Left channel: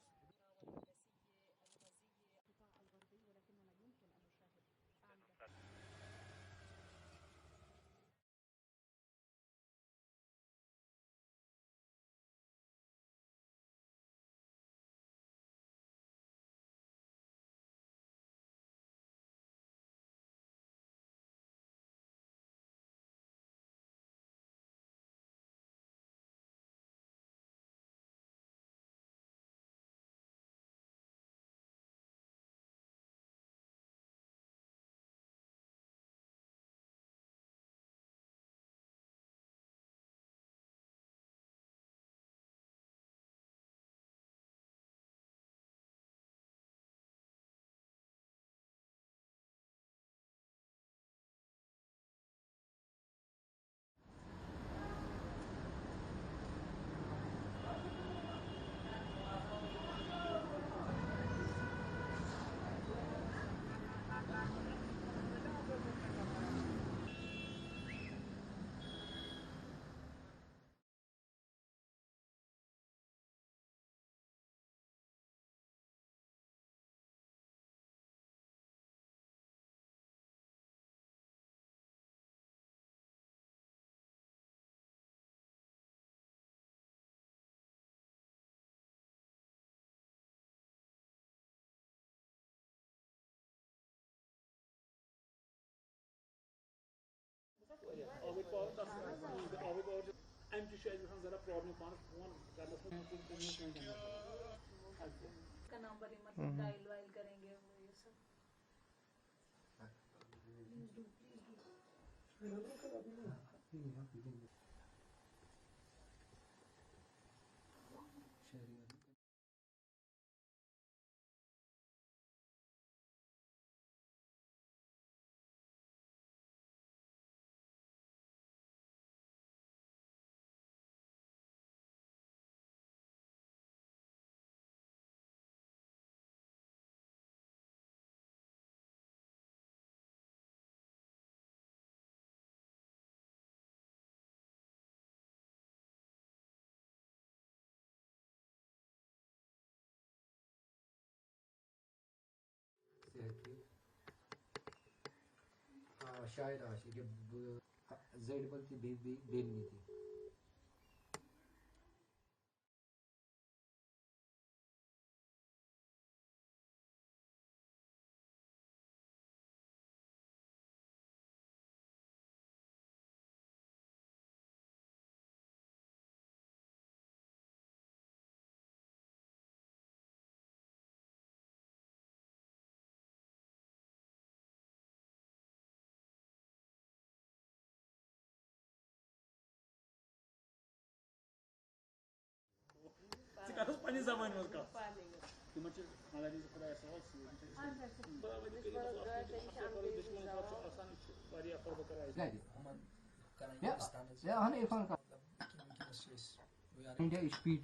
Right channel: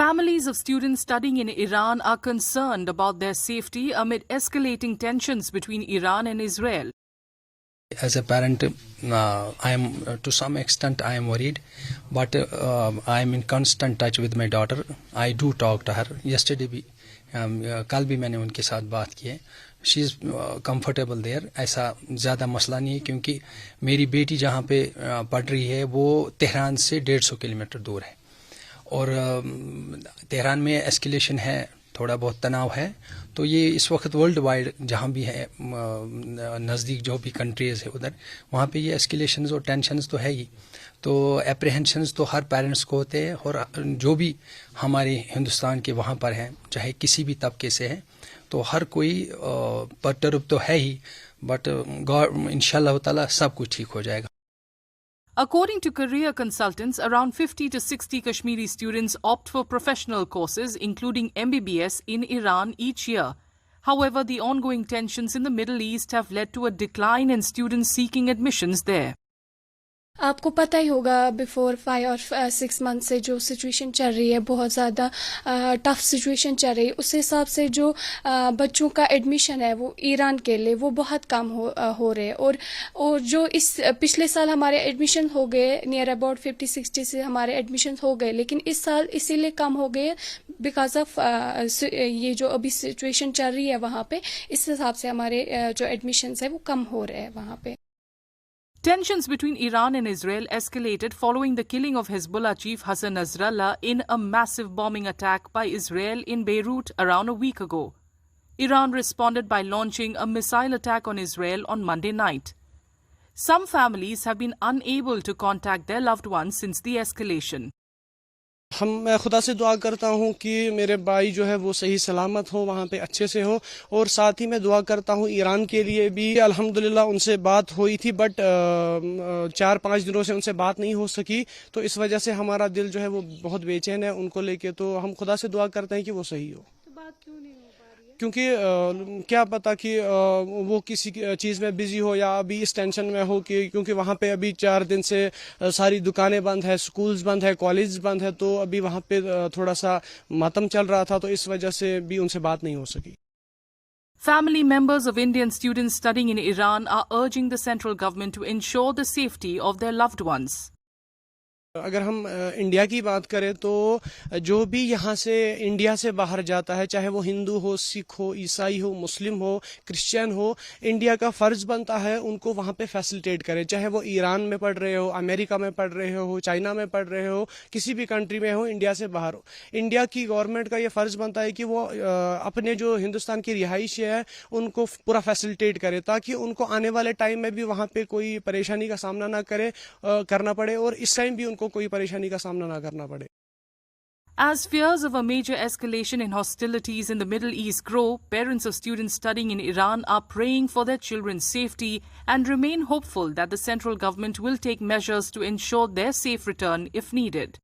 Families of students studying in Iran are concerned about their safety amid escalating tensions between Iran and Israel. As a parent, I am to some extent I am worried, but I am in constant touch with my daughter. I do talk to her. Yesterday भी कल भी मैंने उनके साथ बात की है. She is comfortable there. ऐसा ज़्यादा मसला नहीं है क्योंकि मेरी बेटी जहाँ पे पढ़ रही है वो तेहरान से 150 किलोमीटर दूर है और तेहरान में एस्केलेशन है, थोड़ा बहुत तनाव है. तो ये इस वक्त वर्ल्ड वाइड जहाँ भी है नज़दीक जो भी कंट्रीज़ है उधर वहाँ पे ये एस्केलेशंस और टेंशन्स तो है ही. तो एप्रीहेंशंस तो हर पेरेंट्स को होते हैं और जो भी हमारे हिंदुस्तान के वहाँ पर हैं चाहे किसी भी तबके से है तो हर कोई परटर्ब तो है ही. बट गॉड इंशाल्लाह ताला सब कुछ ठीक हो जाएगा. According to career consultants, around 50 to 60 Kashmiri students opt for professional courses, including MBBS, in Iran each year. However, the ongoing tensions in the Middle East have led to a decline in students seeking admissions there. आपको पता ही होगा before 5 और 6 month से जो situation चल रही है बहुत ज़्यादा टफ सिचुएशन चल रही है. उस हिसाब से जो बच्चों का एडमिशन है वो ईरान के लिए वो बहुत कम हो रहे हैं और जो इस पिछले साल हमारे एडमिशन हो गए नियर अबाउट 50-60 से हमारे एडमिशन हो गए, लेकिन इस साल इसीलिए कम हो गए बिकॉज ऑफ ये जो अभी सिचुएशन चल रही है वहाँ पे. इस हिसाब से हमारे जो एडमिशन है वो कम हो रहे हैं वहाँ पे. Tensions between Iran and Israel escalated following the killing of Hezbollah chief Hassan Nasrallah in a massive bombing attack by Israel in Beirut around a week ago. Iran responded by launching a missile attack on Israel on Monday night. Some families have been unable to contact their loved ones since the escalation. मैं खुदा से दुआ करता हूँ कि मेरे भाई जो है वो सही सलामत हो, वहाँ पे अच्छे से हो. और साथ ही मैं दुआ करता हूँ ईरान के लिए भी. अल्हम्दुलिल्लाह उनसे बात हुई थी बट 4-5 दिनों से उनसे बात नहीं हो सकी, तो इस वजह से हमारा दिल जो है वो बहुत बेचैन है उनको लेके. तो हम खुदा से दुआ करते हैं कि वो सही हो. क्योंकि क्या पता कि वो किसी चीज़ में बिजी हो या अभी इस टेंशन में हो कि क्योंकि वहाँ पे अभी 4 दिन से सारी दुकानें बंद है, स्कूल्स बंद है, कॉलेज बंद है, तो अभी वहाँ पे थोड़ा सा मातम चल रहा था, तो इस वजह से भी उनसे बात नहीं हो सकी. Family members of Indian students studying in Iran are urging the central government to ensure the safety of their loved ones. अगर हम इंडिया की बात करें तो जो भी यहाँ से इंडिया से बाहर जाता है, चाहे वो हिंदू हो, सिख हो, ईसाई हो, मुस्लिम हो, क्रिश्चियन हो, इंडिया का फ़र्ज़ बनता है उनको वहाँ पे फैसिलिटेट करें. चाहे वो ईरान में पढ़ रहे हो, अमेरिका में पढ़ रहे हो, चाइना में पढ़ रहे हो, किसी भी कंट्री में हो, इंडिया से बाहर हो. इंडिया की गवर्नमेंट का ये फ़र्ज़ बनता है कि वो अपने जो हिंदुस्तान की रिहाइश है उनको पूरा फैसिलिटेट करे ताकि उनको आने वाले टाइम में भी वहाँ पर कोई परेशानी का सामना करना पड़े और इस टाइम भी को कोई परेशानी का सामना ना करना पड़े. As fears of a major escalation in hostilities in the Middle East grow, parents of students studying in Iran are praying for their children's safety and remain hopeful that the central government will take measures to ensure their safe return if needed.